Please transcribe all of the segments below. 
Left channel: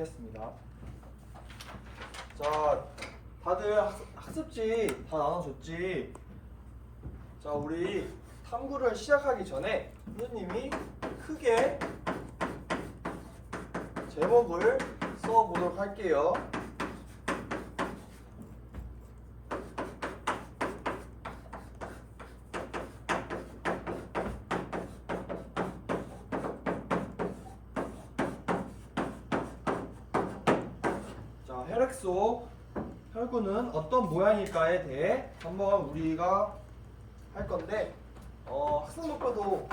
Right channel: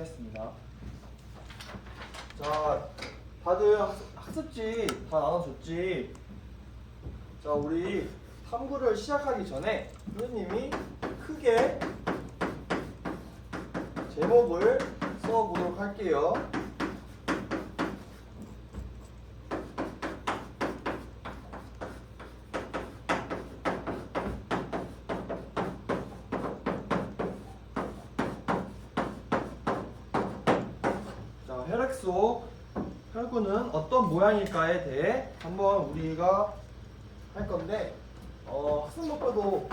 하겠습니다. 자, 다들 학습지 다 나눠줬지? 자, 우리 탐구를 시작하기 전에 선생님이 크게 제목을 써보도록 할게요. 자, 혈액 속 혈구는 어떤 모양일까에 대해 한번 우리가 할 건데, 학습목표도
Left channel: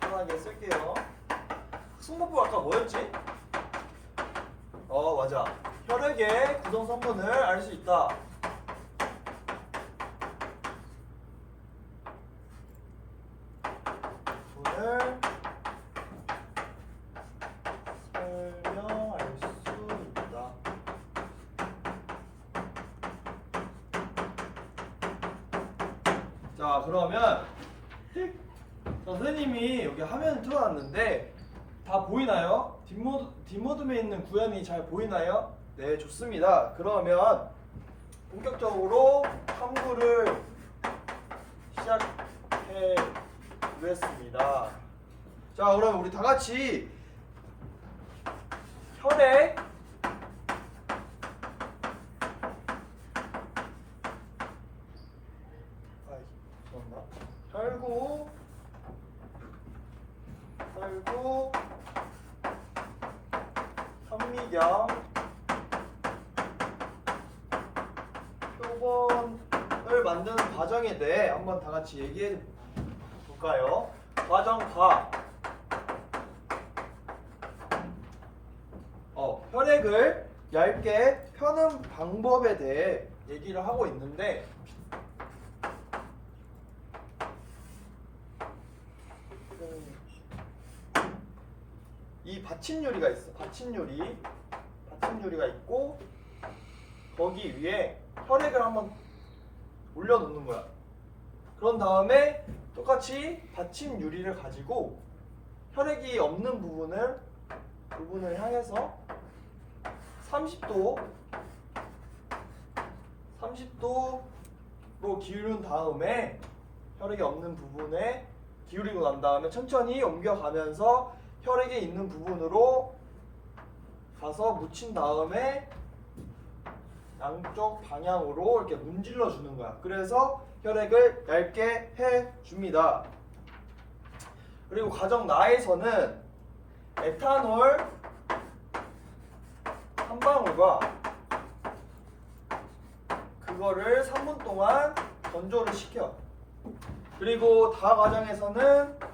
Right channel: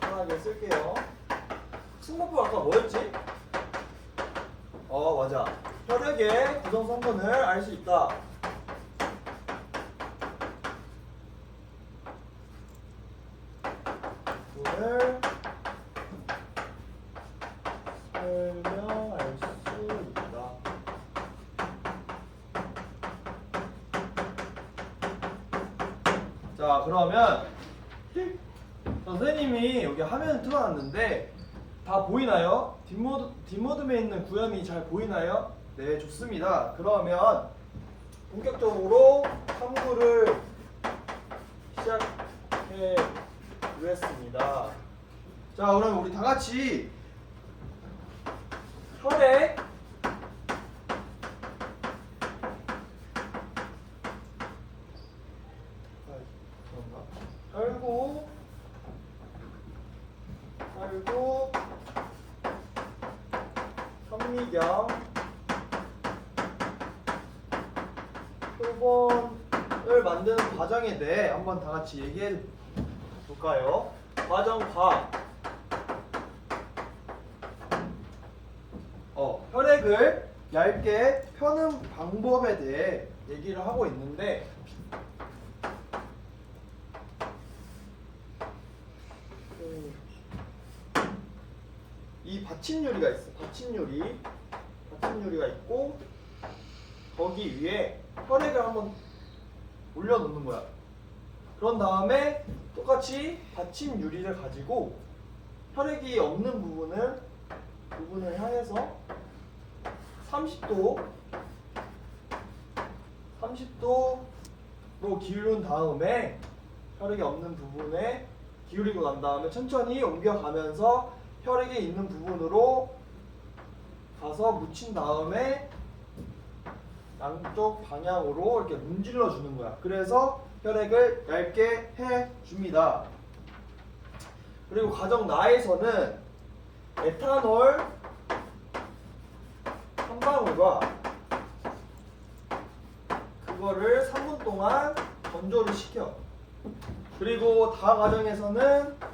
간단하게 쓸게요. 학습목표 아까 뭐였지? 맞아. 혈액의 구성 성분을 알 수 있다. 오늘 설명할 수 있다. 자, 그러면 선생님이 여기 화면을 틀어놨는데 다 보이나요? 뒷모듬에 있는 구현이 잘 보이나요? 네, 좋습니다. 그러면 본격적으로 탐구를 시작해 보겠습니다. 자, 그럼 우리 다 같이 혈액 혈구 현미경 표본을 만드는 과정에 대해 한번 다 같이 얘기해 볼까요? 과정과 혈액을 얇게 펴는 방법에 대해 얘기를 하고 있는데, 이 받침유리가 있어. 받침유리가 있고 거기 위에 혈액을 한번 올려놓는 거야. 그런 다음에 똑같이 받침유리를 가지고 혈액이 없는 부분을 향해서 30도로 기울인 다음에 혈액이 없는 부분에 기울이고 난 다음에 천천히 옮겨가면서 혈액이 있는 부분으로 가서 묻힌 다음에 양쪽 방향으로 이렇게 문질러 주는 거야. 그래서 혈액을 얇게 해 줍니다. 그리고 과정 나에서는 에탄올 한 방울과 그거를 3분 동안 건조를 시켜. 그리고 다 과정에서는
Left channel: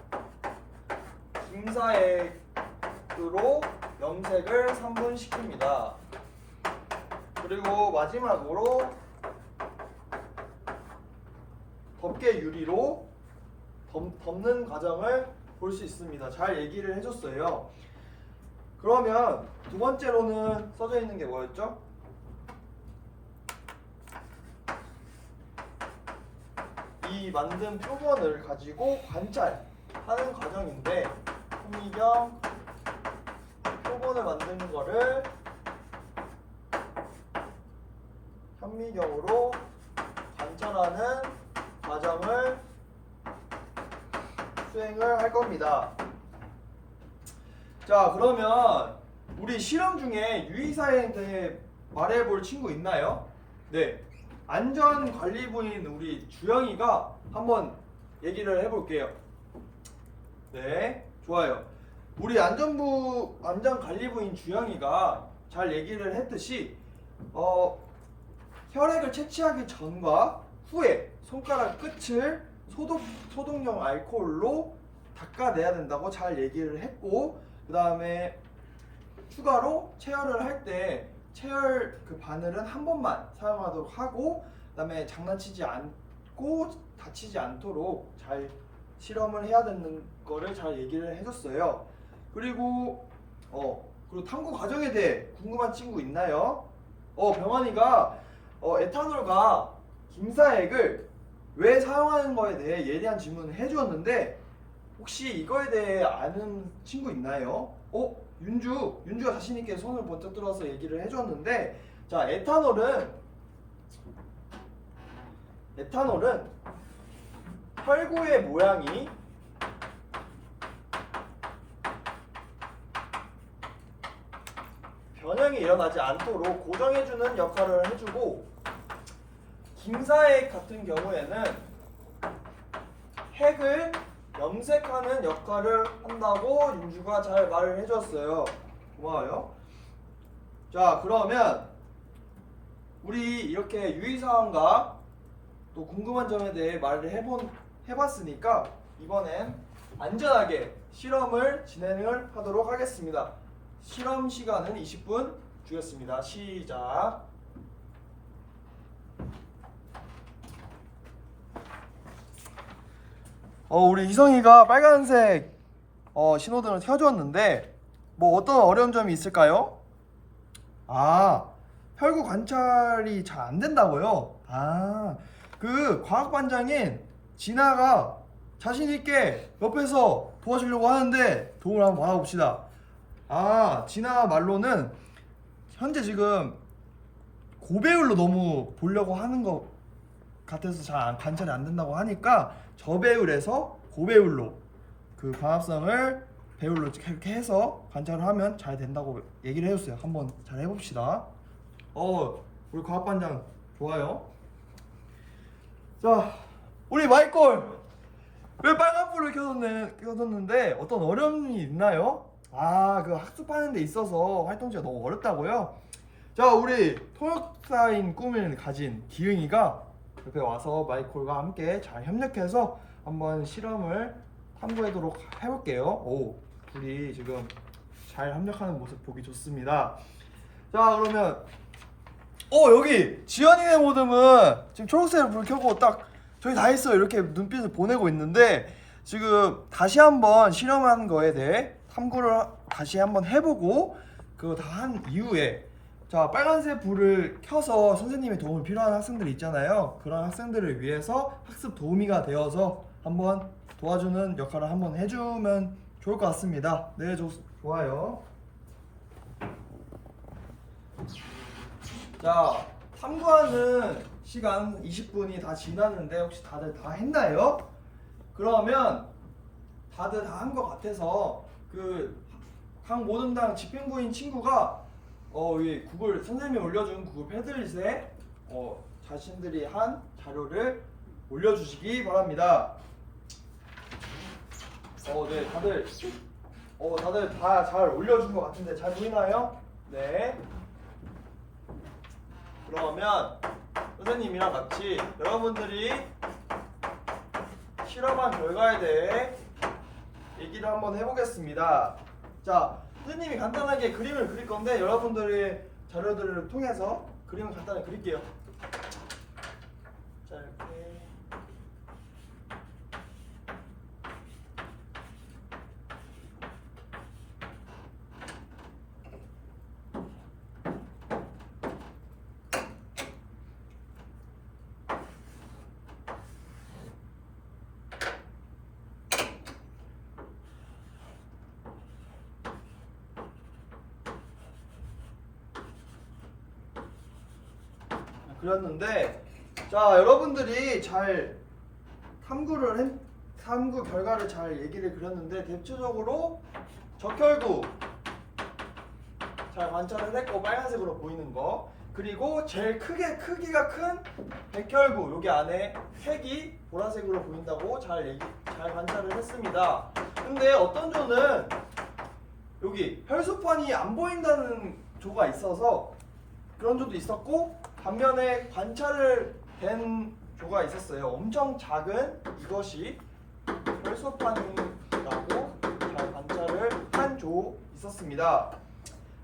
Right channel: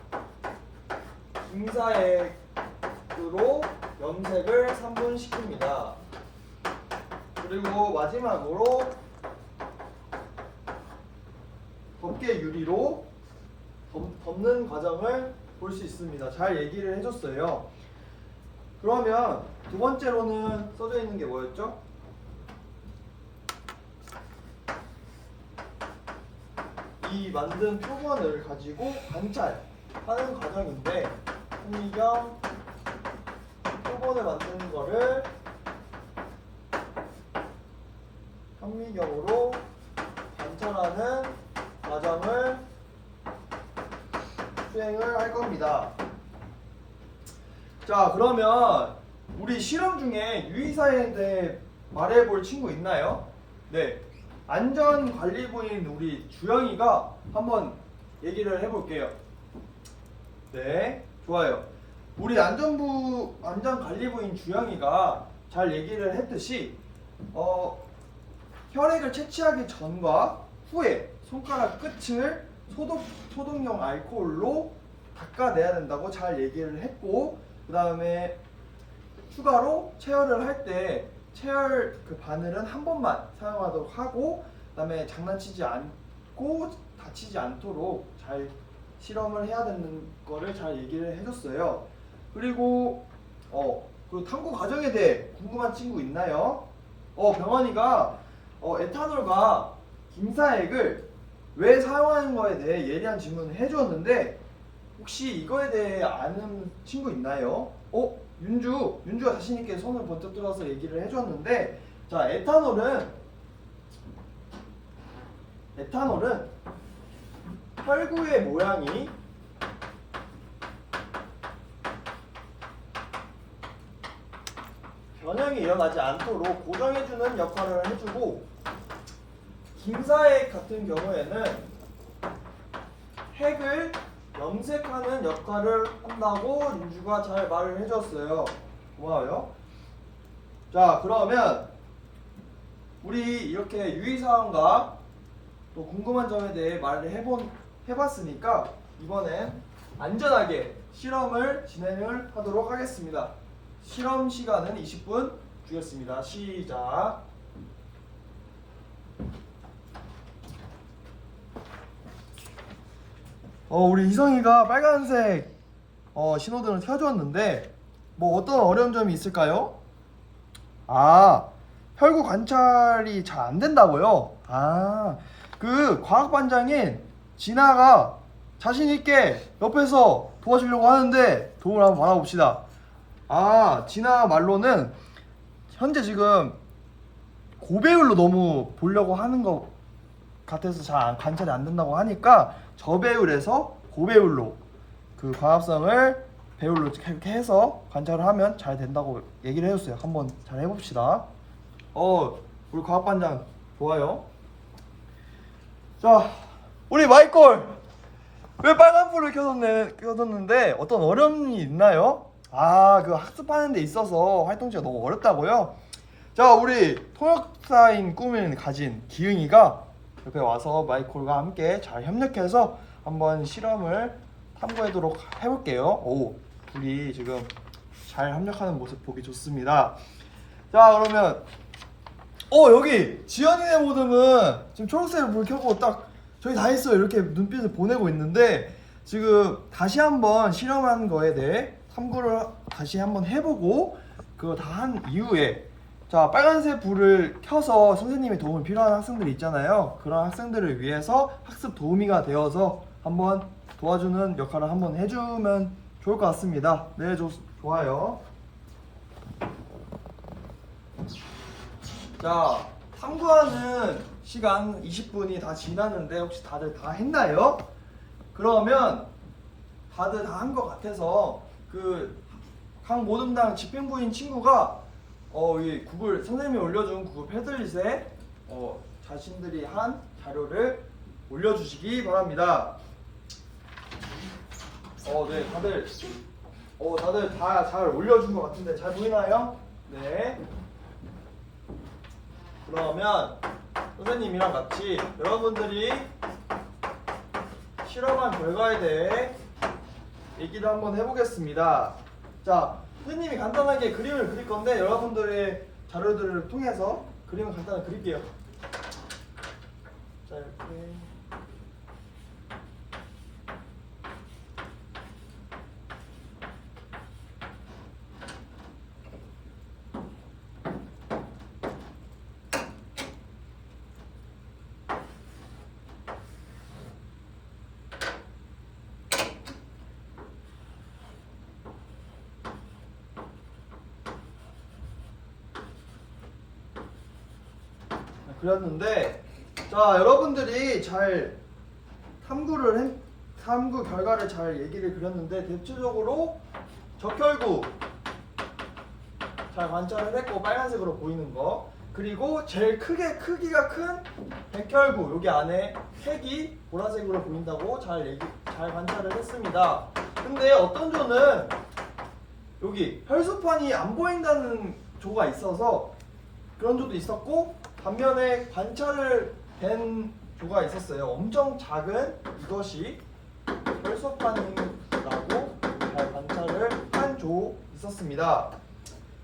김사액으로 염색을 3분 시킵니다. 그리고 마지막으로 덮개 유리로 덮는 과정을 볼 수 있습니다. 잘 얘기를 해줬어요. 그러면 두 번째로는 써져 있는 게 뭐였죠? 이 만든 표본을 가지고 관찰하는 과정인데, 현미경 표본을 만드는 거를 현미경으로 관찰하는 과정을 수행을 할 겁니다. 자, 그러면 우리 실험 중에 유의사항에 대해 말해볼 친구 있나요? 네, 안전관리부인 우리 주영이가 한번 얘기를 해볼게요. 네, 좋아요. 우리 안전관리부인 주영이가 잘 얘기를 했듯이 혈액을 채취하기 전과 후에 손가락 끝을 소독용 알코올로 닦아내야 된다고 잘 얘기를 했고, 그 다음에 추가로 체열을 할 때 체열 그 바늘은 한 번만 사용하도록 하고, 그 다음에 장난치지 않고 다치지 않도록 잘 실험을 해야 되는 거를 잘 얘기를 해줬어요. 그리고 탐구 과정에 대해 궁금한 친구 있나요? 병원이가 에탄올과 김사액을 왜 사용하는 거에 대해 예리한 질문을 해주었는데, 혹시 이거에 대해 아는 친구 있나요? 윤주가 자신 있게 손을 번쩍 들어서 얘기를 해줬는데, 자, 에탄올은 혈구의 모양이 변형이 일어나지 않도록 고정해주는 역할을 해주고, 김사액 같은 경우에는 핵을 염색하는 역할을 한다고 윤주가 잘 말을 해줬어요. 고마워요. 자, 그러면 우리 이렇게 유의사항과 또 궁금한 점에 대해 말을 해봤으니까 이번엔 안전하게 실험을 진행을 하도록 하겠습니다. 실험 시간은 20분 주겠습니다. 시작. 우리 이성이가 빨간색 신호등을 켜줬는데 뭐 어떤 어려운 점이 있을까요? 혈구 관찰이 잘 안 된다고요? 그 과학반장인 진아가 자신 있게 옆에서 도와주려고 하는데 도움을 한번 받아봅시다. 진아 말로는 현재 지금 고배율로 너무 보려고 하는 것 같아서 잘 관찰이 안 된다고 하니까 저배율에서 고배율로 그 광합성을 배율로 이렇게 해서 관찰을 하면 잘 된다고 얘기를 해줬어요. 한번 잘 해봅시다. 우리 과학반장 좋아요. 자, 우리 마이콜 왜 빨간불을 켜뒀는데 어떤 어려움이 있나요? 그 학습하는 데 있어서 활동지가 너무 어렵다고요? 자, 우리 통역사인 꿈을 가진 기흥이가 옆에 와서 마이콜과 함께 잘 협력해서 한번 실험을 탐구하도록 해볼게요. 둘이 지금 잘 협력하는 모습 보기 좋습니다. 자, 그러면 여기 지연이네 모듬은 지금 초록색 불 켜고 딱 저기 다 했어요 이렇게 눈빛을 보내고 있는데, 지금 다시 한번 실험한 거에 대해 탐구를 다시 한번 해보고 그거 다 한 이후에, 자, 빨간색 불을 켜서 선생님의 도움이 필요한 학생들 있잖아요. 그런 학생들을 위해서 학습 도우미가 되어서 한번 도와주는 역할을 한번 해주면 좋을 것 같습니다. 네, 좋아요. 자, 탐구하는 시간 20분이 다 지났는데 혹시 다들 다 했나요? 그러면 다들 다 한 것 같아서 각 모듬당 집행부인 친구가 이 구글 선생님이 올려준 구글 패들릿에 자신들이 한 자료를 올려주시기 바랍니다. 네, 다들 다 잘 올려준 것 같은데 잘 보이나요? 네. 그러면 선생님이랑 같이 여러분들이 실험한 결과에 대해 얘기를 한번 해보겠습니다. 자, 선생님이 간단하게 그림을 그릴 건데 여러분들의 자료들을 통해서 그림을 간단하게 그릴게요. 자, 이렇게. 그렸는데, 자, 여러분들이 잘 탐구 결과를 잘 얘기를 그렸는데 대체적으로 적혈구 잘 관찰을 했고 빨간색으로 보이는 거, 그리고 제일 크기가 큰 백혈구 여기 안에 핵이 보라색으로 보인다고 잘 관찰을 했습니다. 근데 어떤 조는 여기 혈소판이 안 보인다는 조가 있어서 그런 조도 있었고, 반면에 관찰을 된 조가 있었어요. 엄청 작은 이것이 혈소판이라고 잘 관찰을 한 조 있었습니다.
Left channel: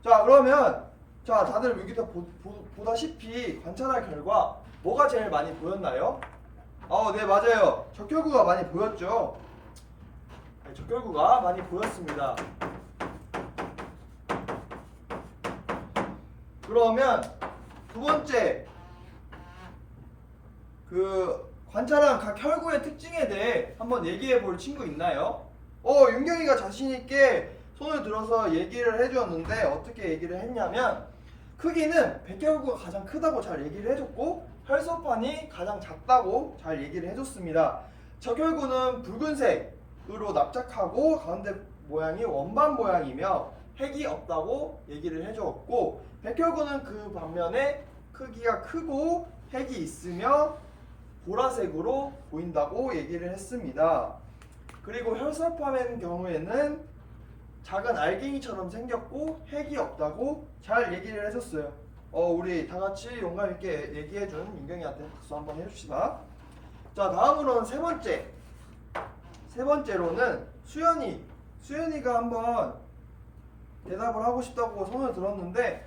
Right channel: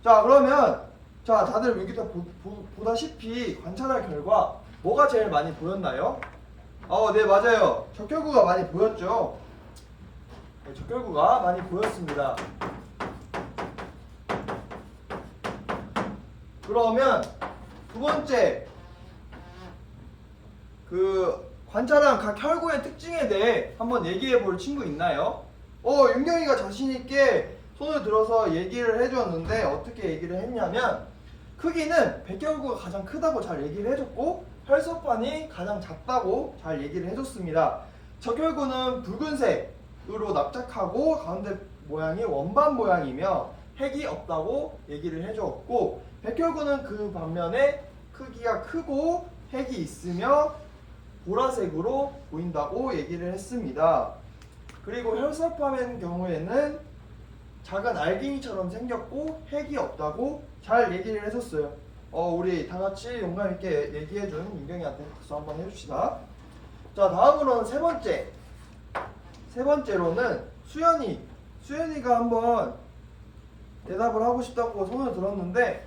자, 그러면 다들 여기서 보다시피 관찰할 결과 뭐가 제일 많이 보였나요? 네, 맞아요. 적혈구가 많이 보였죠. 네, 적혈구가 많이 보였습니다. 그러면 두 번째, 관찰한 각 혈구의 특징에 대해 한번 얘기해 볼 친구 있나요? 윤경이가 자신 있게 손을 들어서 얘기를 해주었는데 어떻게 얘기를 했냐면 크기는 백혈구가 가장 크다고 잘 얘기를 해줬고 혈소판이 가장 작다고 잘 얘기를 해줬습니다. 적혈구는 붉은색으로 납작하고 가운데 모양이 원반 모양이며 핵이 없다고 얘기를 해주었고 백혈구는 그 반면에 크기가 크고 핵이 있으며 보라색으로 보인다고 얘기를 했습니다. 그리고 혈소판의 경우에는 작은 알갱이처럼 생겼고 핵이 없다고 잘 얘기를 해줬어요. 우리 다 같이 용감 있게 얘기해준 민경이한테 박수 한번 해줍시다. 자, 다음으로는 세 번째로는 수연이가 한번 대답을 하고 싶다고 손을 들었는데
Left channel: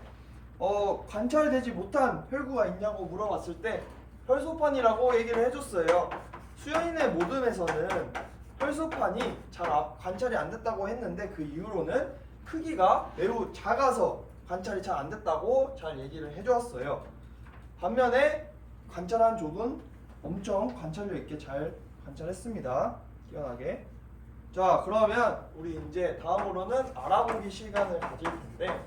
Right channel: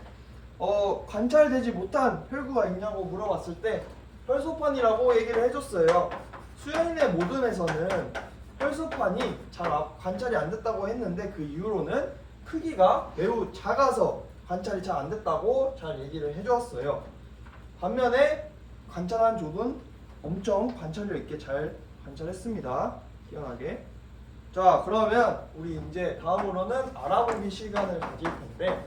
관찰되지 못한 혈구가 있냐고 물어봤을 때 혈소판이라고 얘기를 해줬어요. 수연이네 모듬에서는 혈소판이 잘 관찰이 안 됐다고 했는데 그 이유로는 크기가 매우 작아서 관찰이 잘 안 됐다고 잘 얘기를 해주었어요. 반면에 관찰한 족은 엄청 관찰력 있게 잘 관찰했습니다. 희한하게. 자, 그러면 우리 이제 다음으로는 알아보기 시간을 가질 텐데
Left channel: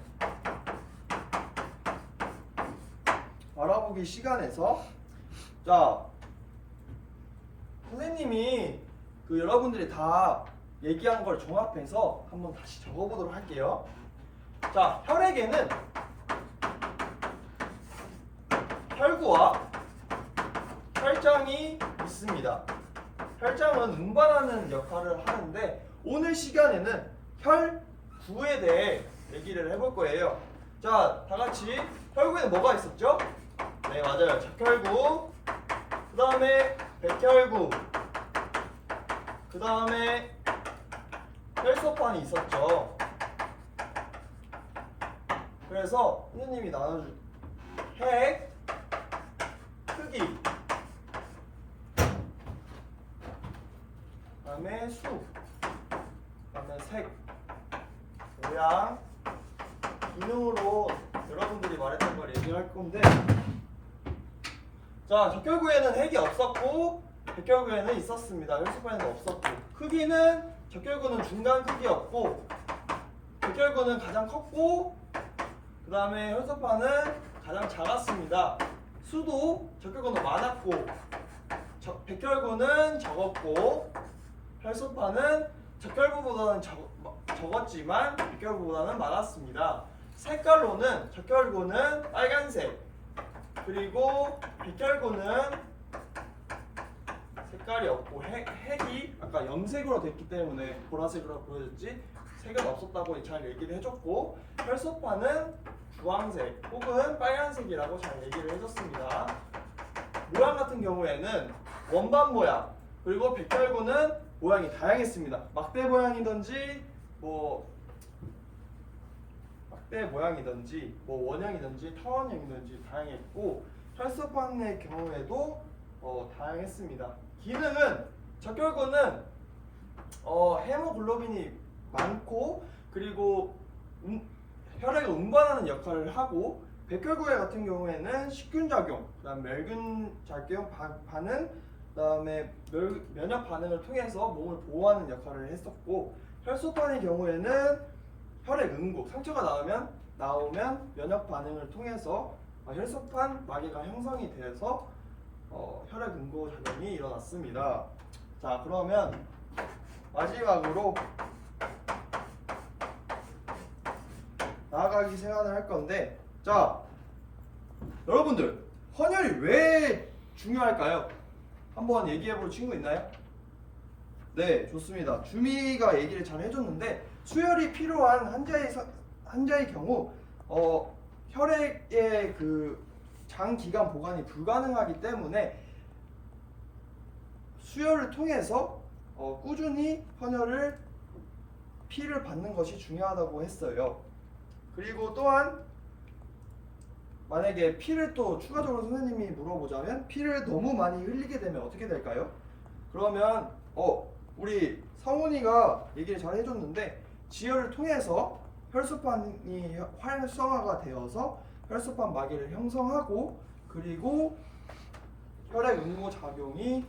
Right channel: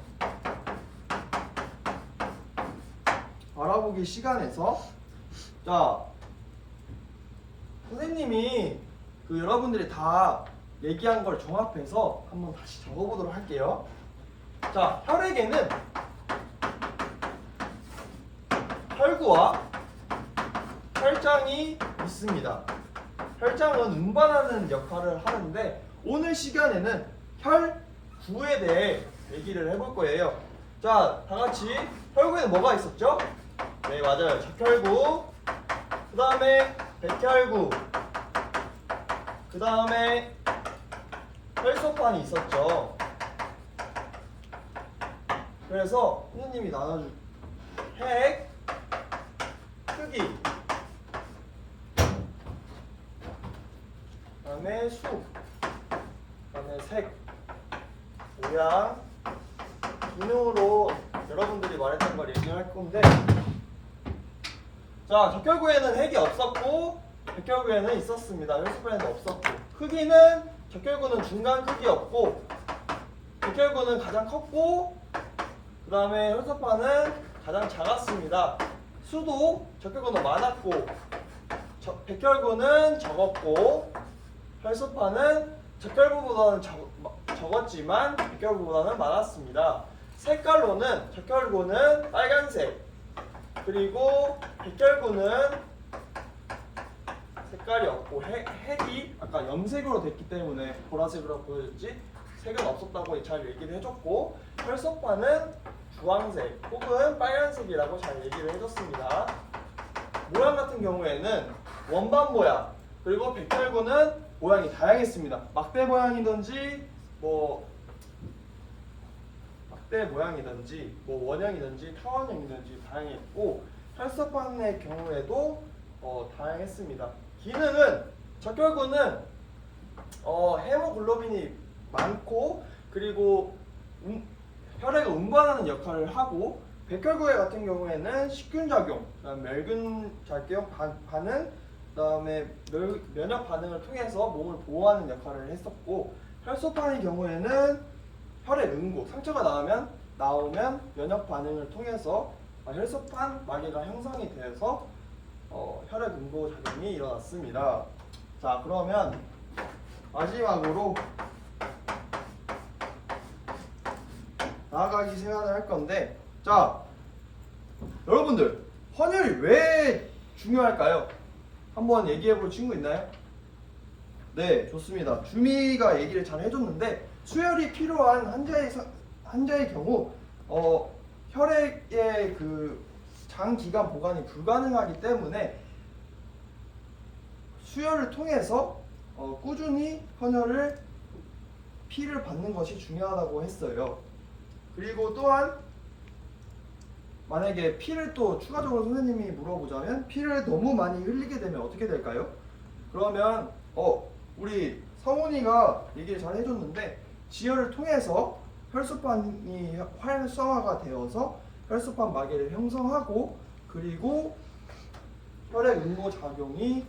알아보기 시간에서 자, 선생님이 여러분들이 다 얘기한 걸 종합해서 한번 다시 적어보도록 할게요. 자, 혈액에는 혈구와 혈장이 있습니다. 혈장은 운반하는 역할을 하는데 오늘 시간에는 혈구에 대해 얘기를 해볼 거예요. 자, 다 같이 혈구에는 뭐가 있었죠? 네, 맞아요. 적혈구, 그 다음에 백혈구, 그 다음에 혈소판이 있었죠. 그래서 선생님이 나눠줄 핵, 크기, 그 다음에 수, 그 다음에 색, 모양, 기능으로 여러분들이 말했던 걸 얘기할 건데 자, 적혈구에는 핵이 없었고 백혈구에는 있었습니다. 혈소판에는 없었고 크기는 적혈구는 중간 크기였고 백혈구는 가장 컸고 그 다음에 혈소판은 가장 작았습니다. 수도 적혈구는 많았고 백혈구는 적었고 혈소판은 적혈구보다는 적었지만 백혈구보다는 많았습니다. 색깔로는 적혈구는 빨간색 그리고 백혈구는 색깔이 없고 핵이 아까 염색으로 됐기 때문에 보라색으로 보여졌지 색은 없었다고 잘 얘기를 해줬고 혈소판은 주황색 혹은 빨간색이라고 잘 얘기를 해줬습니다. 모양 같은 경우에는 원반 모양 그리고 백혈구는 모양이 다양했습니다. 막대 모양이든지 막대 모양이든지 원형이든지 타원형이든지 다양했고 혈소판의 경우에도 다양했습니다. 기능은 적혈구는 헤모글로빈이 많고 그리고 혈액을 운반하는 역할을 하고 백혈구 같은 경우에는 식균작용, 멸균작용 반응, 그다음에 면역 반응을 통해서 몸을 보호하는 역할을 했었고 혈소판의 경우에는 혈액 응고, 상처가 나오면 면역 반응을 통해서 혈소판 마개가 형성이 돼서 혈액 응고 작용이 일어났습니다. 자, 그러면 마지막으로 나아가기 시간을 할 건데 자, 여러분들 헌혈이 왜 중요할까요? 한번 얘기해볼 친구 있나요? 네, 좋습니다. 주미가 얘기를 잘 해줬는데 수혈이 필요한 환자의 경우 혈액의 장기간 보관이 불가능하기 때문에 수혈을 통해서 꾸준히 피를 받는 것이 중요하다고 했어요. 그리고 또한 만약에 피를 또 추가적으로 선생님이 물어보자면 피를 너무 많이 흘리게 되면 어떻게 될까요? 그러면 우리 성훈이가 얘기를 잘 해줬는데 지혈을 통해서 혈소판이 활성화가 되어서 혈소판 마개를 형성하고 그리고 혈액 응고 작용이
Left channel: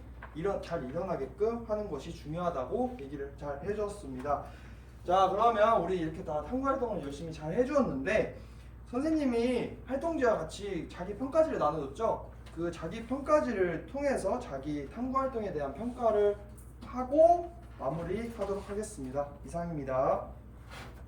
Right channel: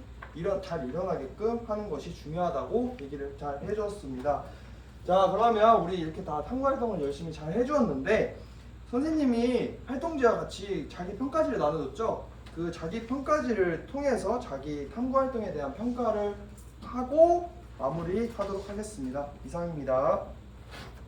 잘 일어나게끔 하는 것이 중요하다고 얘기를 잘 해줬습니다. 자, 그러면 우리 이렇게 다 탐구 활동을 열심히 잘 해주었는데 선생님이 활동지와 같이 자기 평가지를 나눠줬죠. 그 자기 평가지를 통해서 자기 탐구 활동에 대한 평가를 하고 마무리하도록 하겠습니다. 이상입니다.